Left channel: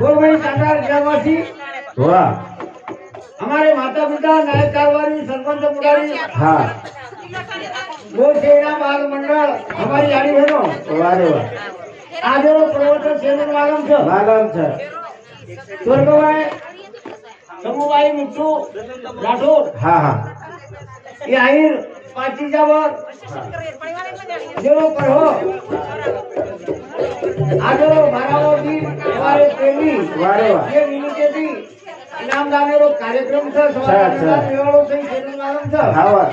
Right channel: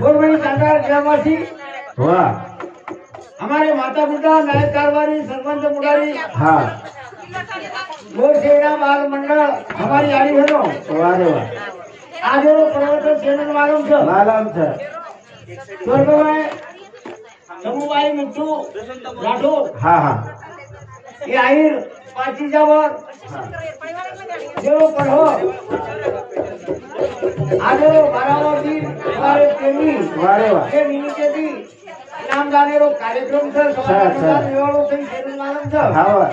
गोरबड़ी चांदार ग्रामवासी वाह हमारे माता पिता नायक कारवारी सरपंच मुरारी हाँ गोर सेना बाल मंडल हमारी यारी बहनों वाह रे वाह आज वो पर्वत सेवन मालूम छ स्वर्गवाय समूहवाई मुक्तू राठौर हाँ हाँ ये आहिर पाची जावर जो पढ़ो आज वो मारावो भी हमारे प्रेमी वाह रे वाह ये मिनी के भी इनाम दाने रो कार्यक्रम छ सवाल निवाड़ो થઈ સેवन मालूम छ हाँ वाह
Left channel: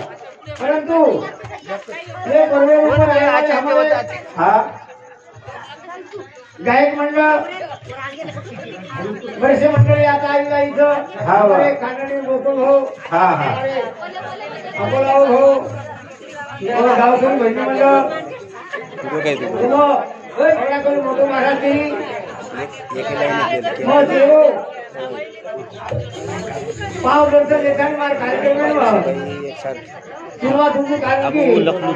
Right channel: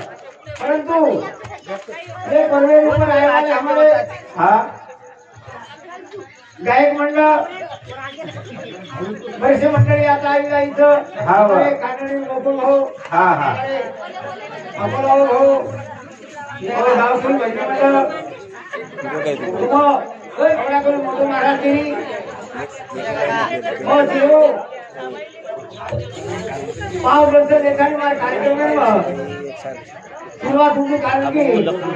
परंतु ये पर्वे ऊपर आए आज हमारे हाँ गायक मंडळ वैसे मंडळी आता आई इथं हाँ वाह खानदानी लोक हो हाँ हाँ अकोला हो और गावचं भजनी मंडळ मग ओय कोणाकडे मोठे महाराष्ट्री मग देव पाव वर्ष देखाने मार कार्यक्रम में शुरुआत हुई कारण की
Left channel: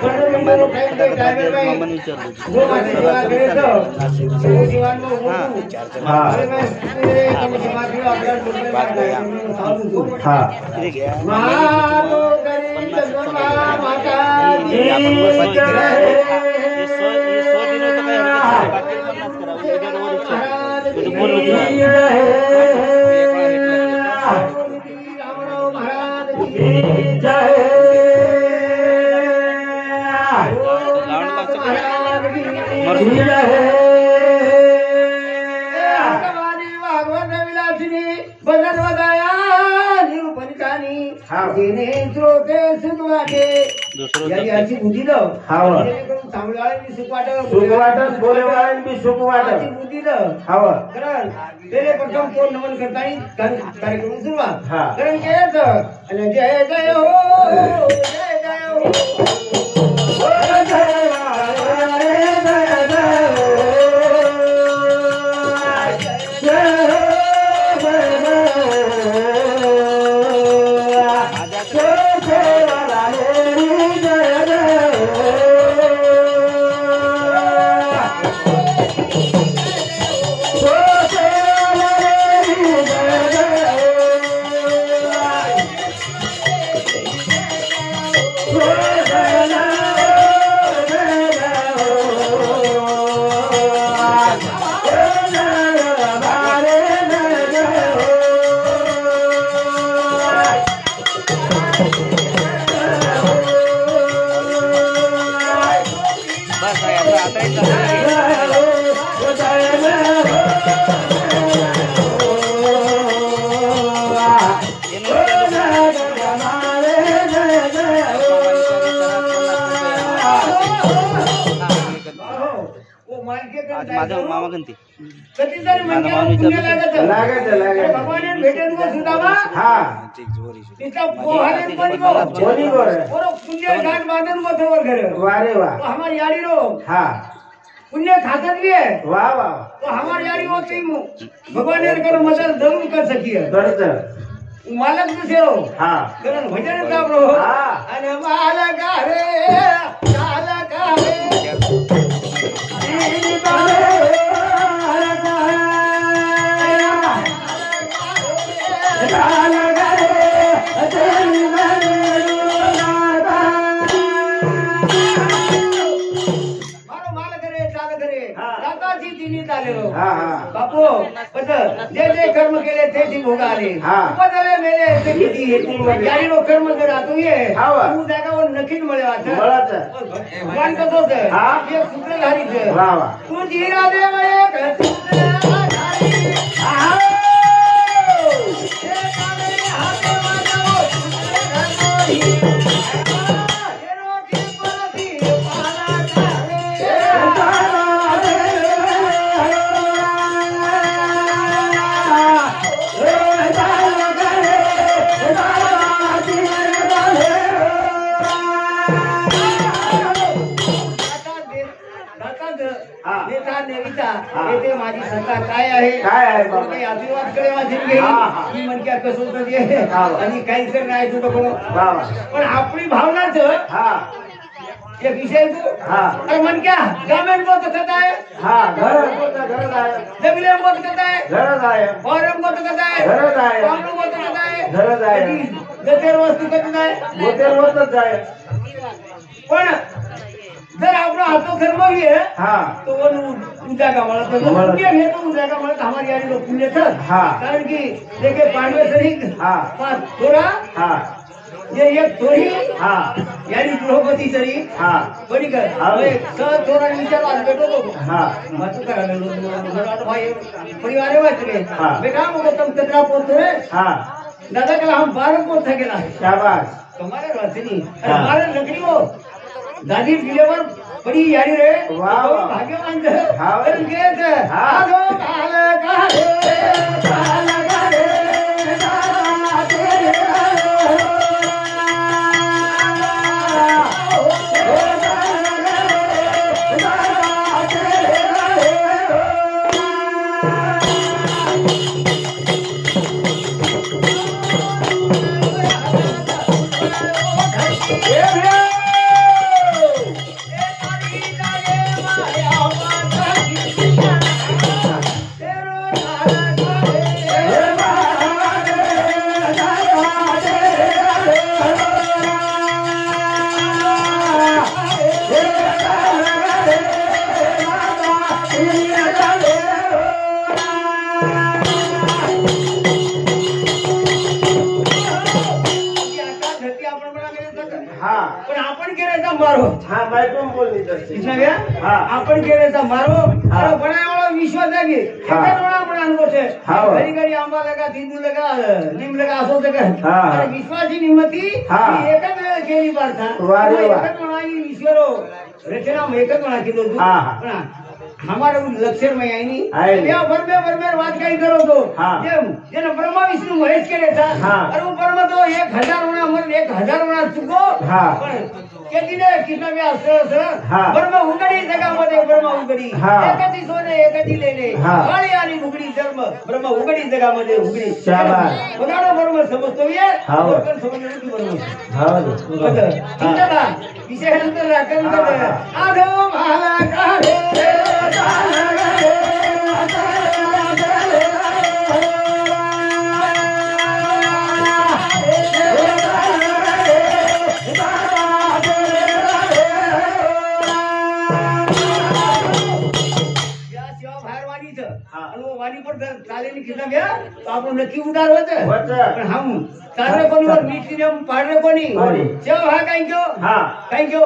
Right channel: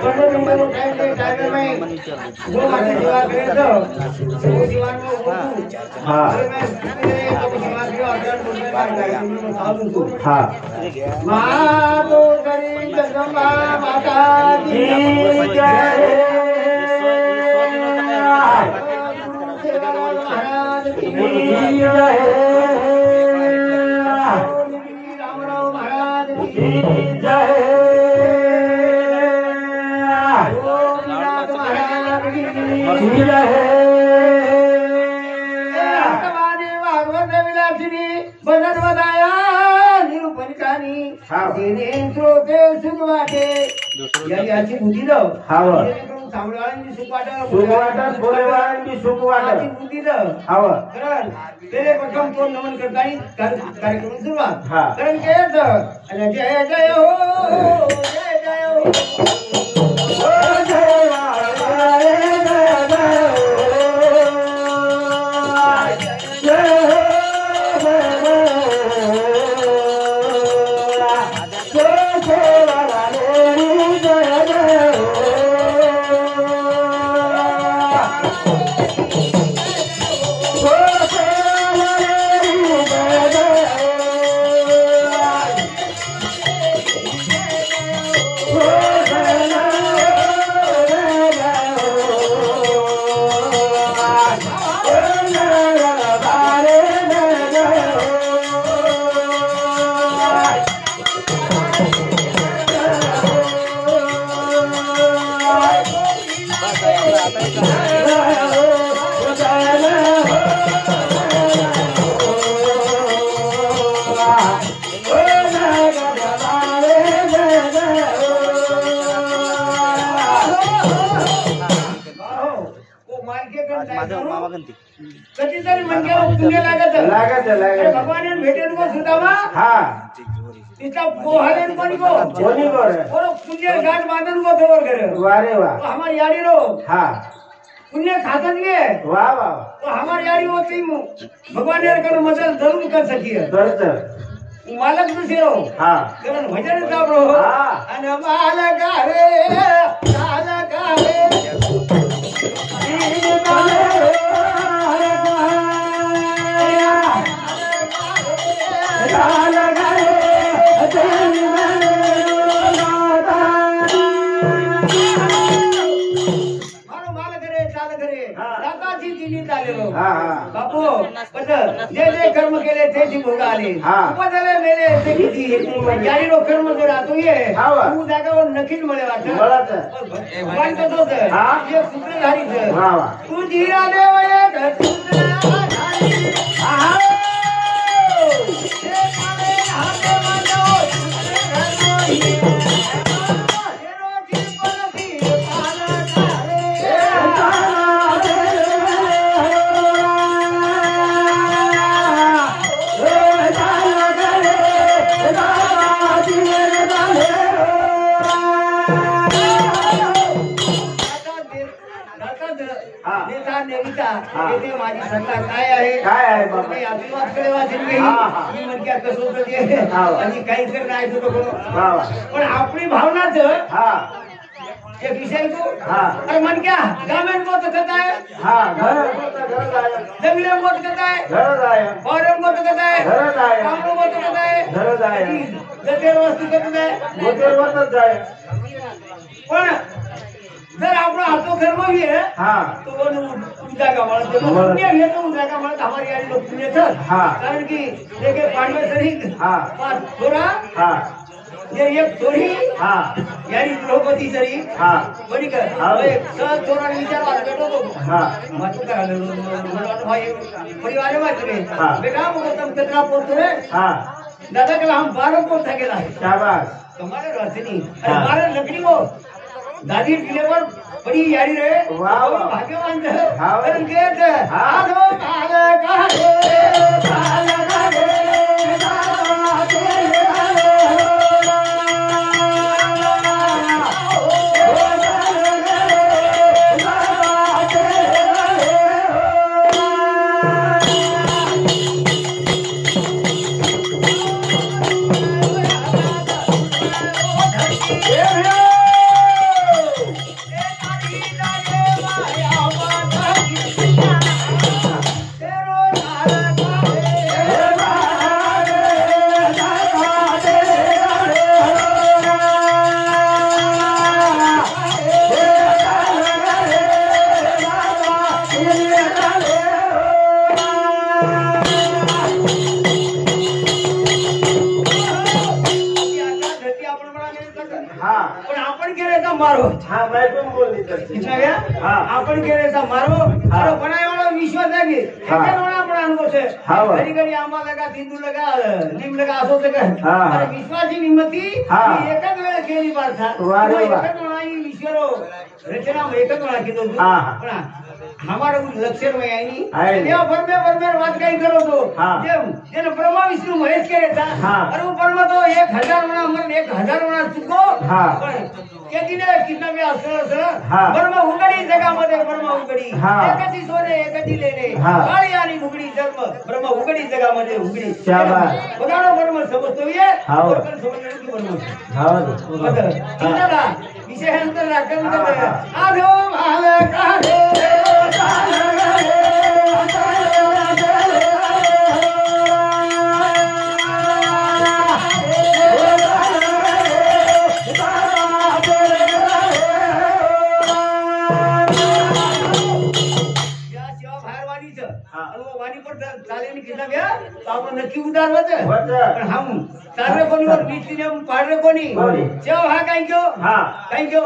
15 मिनट टाइम के टाइगर में जो माची सेवा करे तो सेवा को हाँ अरे मैं मेरे सेवा के अगर तुम्हें बात है साधु को हाँ मातो करी जगमा माता दी जय रामराव महाराज की जय याची बुद्धी लाव सांगळवाळांची सुख वाटत बोलवाळांची सुख वाटत बुद्धी लाव कारण पहिले प्रथम तो नमन करता कार्यक्रम सुरुवात कारण काय अर्थ आणि जय जय हो जय जय हो कधीतरी मनकेला पुण्य लागत अरे भगवान भेटेन को सुदामा हाँ तिचा पोहाले कोणी को और पुण्य घाट बांधन को तोवर घर वाह रे वाह तो हमारी यारी रो हाँ पुण्य खातन के वाह वाह तो हमारी यारी होती भगवान ने कर मदद जरूर कर सकिए मालक दुसरे रो हाँ कारण भजन सापडो हाँ आणि मालक रे मालक रे बापू जे जे कर्म केले ते भोग आले उपजले मेले ते किती यारी रो कर्म करा तू ये तू जागावर नक्कीच मिळे वाटत भगवान कसं होतं एक सूत्रधारीच तू जिरा देव एक सूत्रधारी येथे माझी सत्ता काय आहे काही आशीर्वाद कडे वाचून घेई मी म्हणक्या कसं होतं ते आणि काही तर नाही तुझं पण आपली भावनाच एक विषय तू अरे मन क्या गामेन को तो कहता है जमीले को तो कहता है फॉरम को तो कहता है काम को तो कहता है जतेर वस्तू कहता है पण जर आपला हातो कर्म भी है तो वो उजागा म्हणत तो पुण्य घेतो उजागा म्हणत हमारी यारी लोग पुण्य था कारण की देखे पांडव सरिक पाच थोरा ये एक थोरी यारी द्रौपदी सरी बड़ी कर एक सब थोरा विचार आज बैठो तो मत करा ले मला भाई परिवार में चले बेटा मको तुम कितना पोत रे दादा के हम 12 पोत थे गेला शाबाश तुम्हारे रचनी अरे 12 लकड़ी वो दादी डिलीवर बड़ी यारी रे भाग्यवान है कारण के आधो काला काहे मारो आपण केरेचा मारो अरे बनायवाळा विश्वास आहे की एकानोळा आपण अनुभव छे घरी घरी आंबा लगा तिंदू लगा नीम लगा असो ते कर अरे विश्वासी निमती एकच वेळ केली पारथा एकच म्हणा ही ईश्वरो रचना एकच म्हणा की तू पण हमारे लक्षण में आई नहीं देव भर बात कहीं करो तो जेने ब्रह्मा विष्णु महेश करे था और वो ब्रह्मा तो 1000 गुना मर 1000 गुना चुको केतीने कितना में असर ब्रह्मा उगडी जगा मध्ये ब्रह्मा उगडी एकटी सोने एकटी लेने काळी आणि उगडी जन्म ब्रह्मा उगडी जगा मध्ये उगडी बघाडो ब्रह्मा समजतो ये और पण समजले की ब्रह्मा बदल चिंता विषय अंतर राखन आधो भाल काढे आपण नक्की उदार होत पण हम सारे कोणी वर नीती नियम पाडले कोणी जेव हा काय क्यो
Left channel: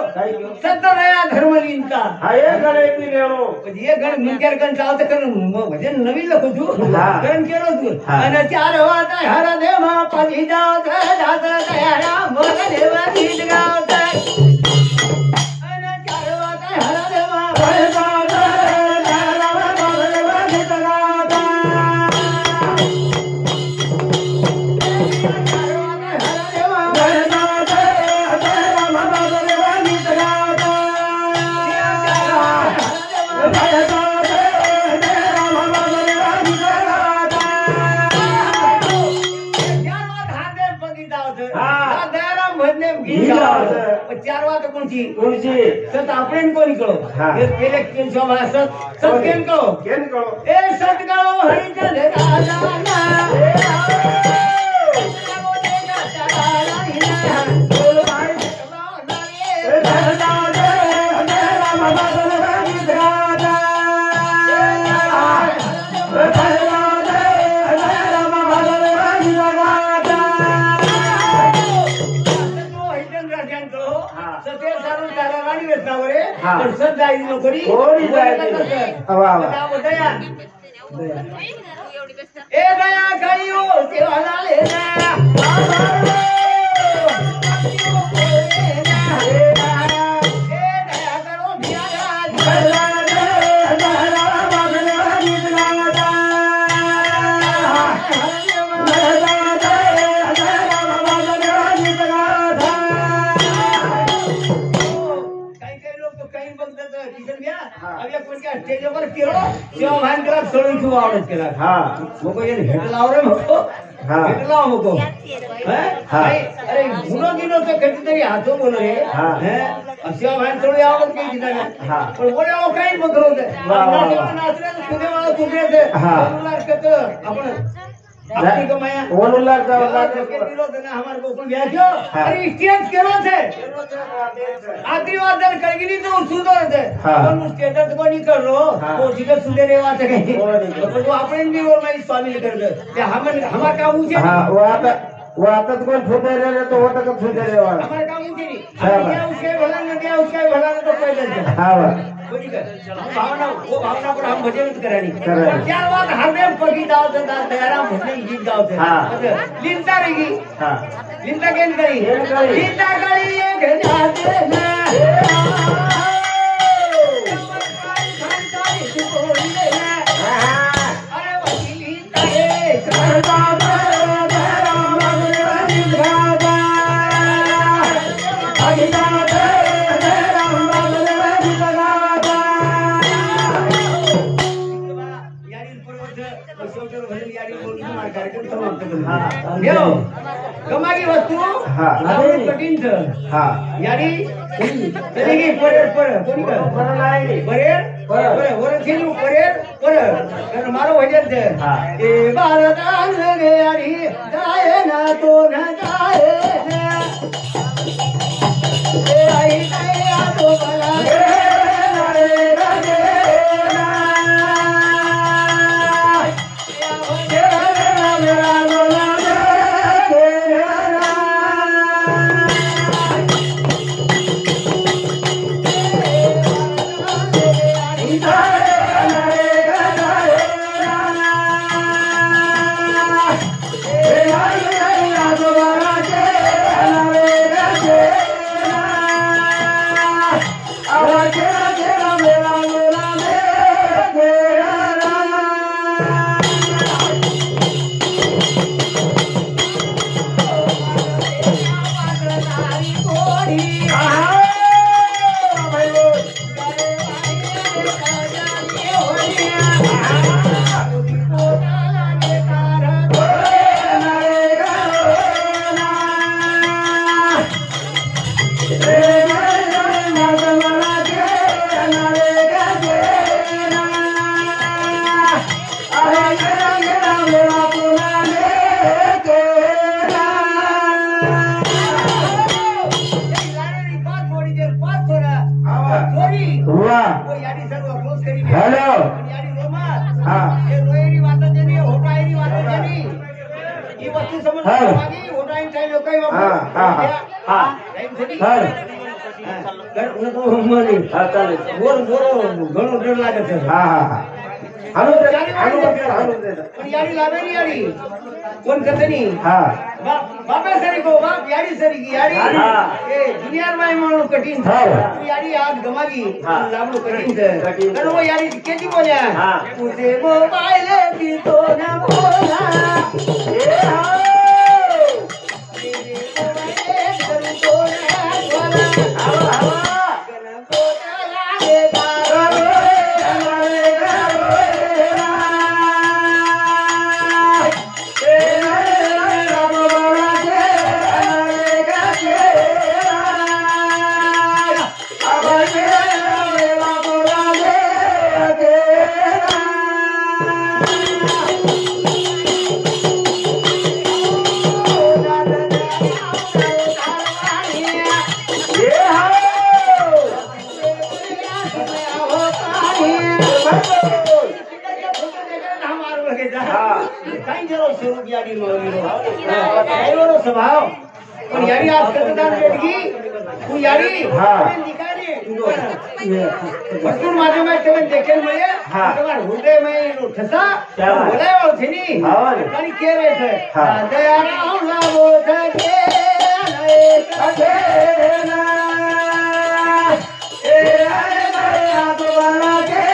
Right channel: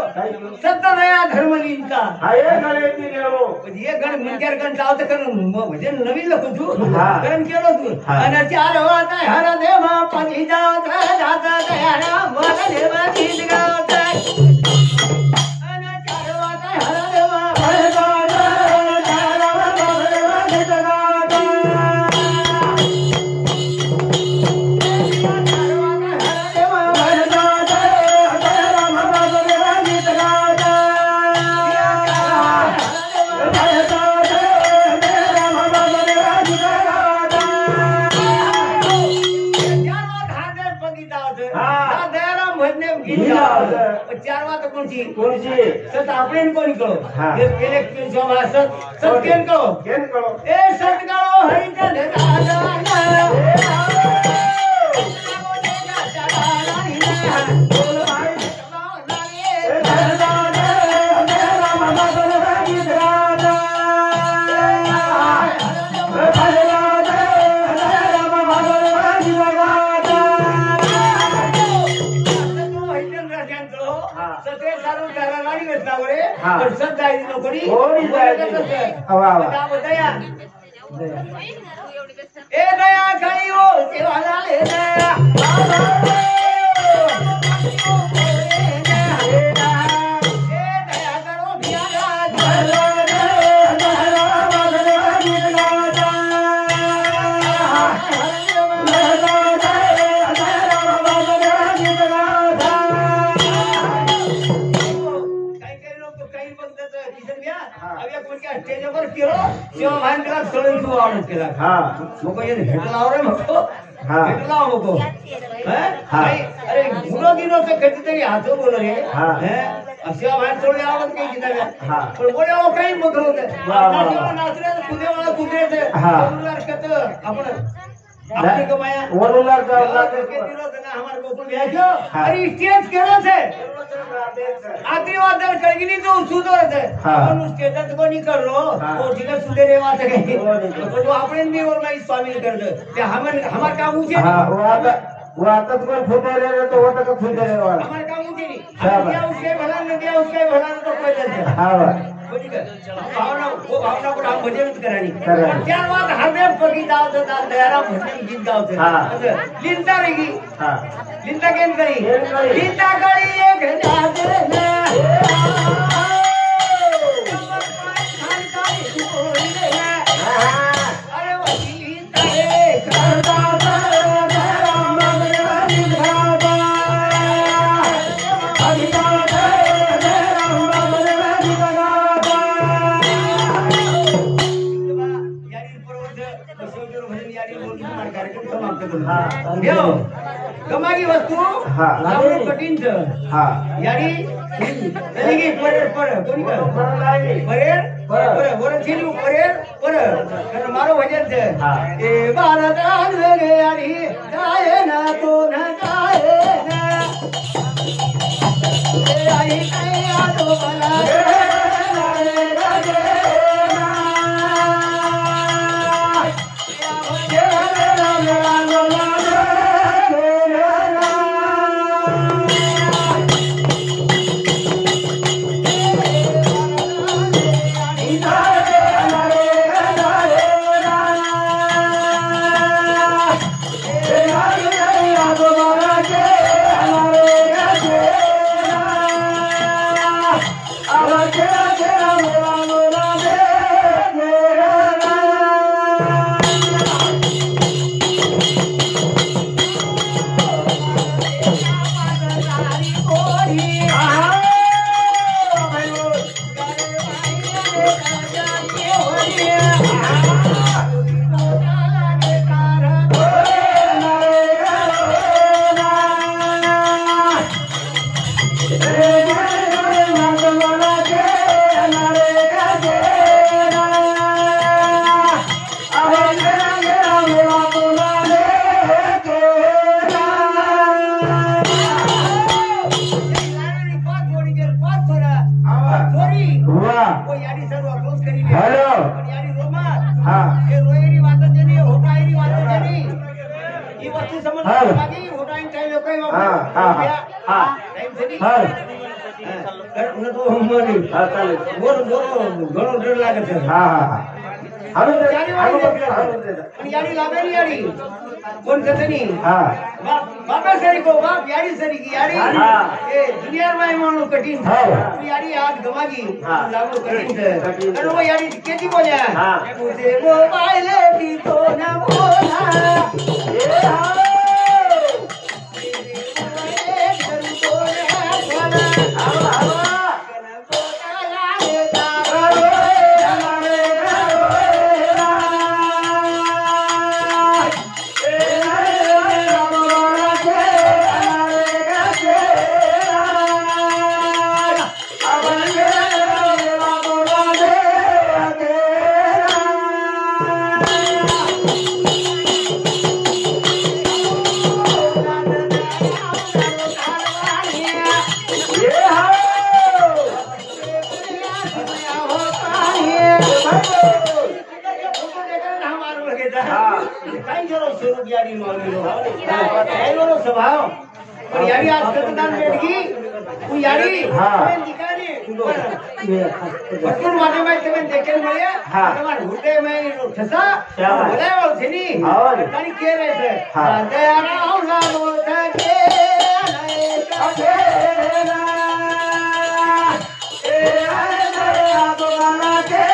सत्य नया धर्मलीनता हे गण मनक्यार गण चावत कर म्हणजे नवीन लखो तू गण केलो तू आणि चार वाता हर देव पदी जात जात दयारा मन देवा गीत गावत आणि चार वाता हर देव चार वात कोणची सत आपण कोणी कळो पहिले केन शोभा सत केन कळो ए सत कळो हरिचा पण सत जाई नोकरी दया ए दया काळी ओ सेवा झाले स्टेजवर केलो तेव्हा भान केला सळी खूप आवडत केला मग हेट लाव रे मको हेट लाव मको अरे गुनो गिनो तर कधीतरी हातो बोल रे अशा भान थोडी आवडत काही किताब्या हा. पण बोले काही बघ होत वा, वा. नाचले तुझे वाळ तुझेच आपण अपनी कमाया वरुला जावला के दिलो तना हमार गोकुल ब्याह क्यों अरे स्टेज केरो छे आखरी बात दर कळगिनी तो सुदो है पण स्टेटस को नहीं कर रो वो जिगर सुदे रे बात है तो आपण भी और मैं शामिल कर दे ते हमार काम ऊंचे हां वो आता तो फुटे रे तो वो तो फुटे रे वाला हमार काम ऊंचे नहीं हम क्या उसके भला न दिया उसका भला न तो कोई नहीं हां भावना वो भावना पर हम भजन करानी और चार बात हरदे पगी दाव से दाल दयाराम भजन गीत गाव से लिंता रहेगी हां लिंता केन करी लिंता करी एक जाते ना अरे वकीली तारे करदा कमागी वस्तू लावून कठीण यारी चलेगी परेर पर कोणी कर परेर वर छेली परेर पर कारण मारो भजन છે એ ભારત લગે यारी जाए ना तो न जाए ना ए आई आ तो भला ઘણો ડર લાગે છે પણ યારી લાગે ની યારી કોણ કથે ની બાપે સરી કો બાપ યારી સરી की यारी ए दुनिया में मानो कठिन था यारी आज गमागी लागलो कठिन है और वो यारी केती बोल्या तुझे मोबाइल की तो ना बोला ए स्वभाव पण यारी आज कतदान भेटगी तू यारी તમે નિકાને ભરપૂર માધ્યમે તમે દેખેલ મળ્યા તમાર હૃદયમાં એનો ઠસા બોલાયો છે ની તારી કે રહે છે દયારામ લાવો થકે નય કથે ના એ આ તો બના કે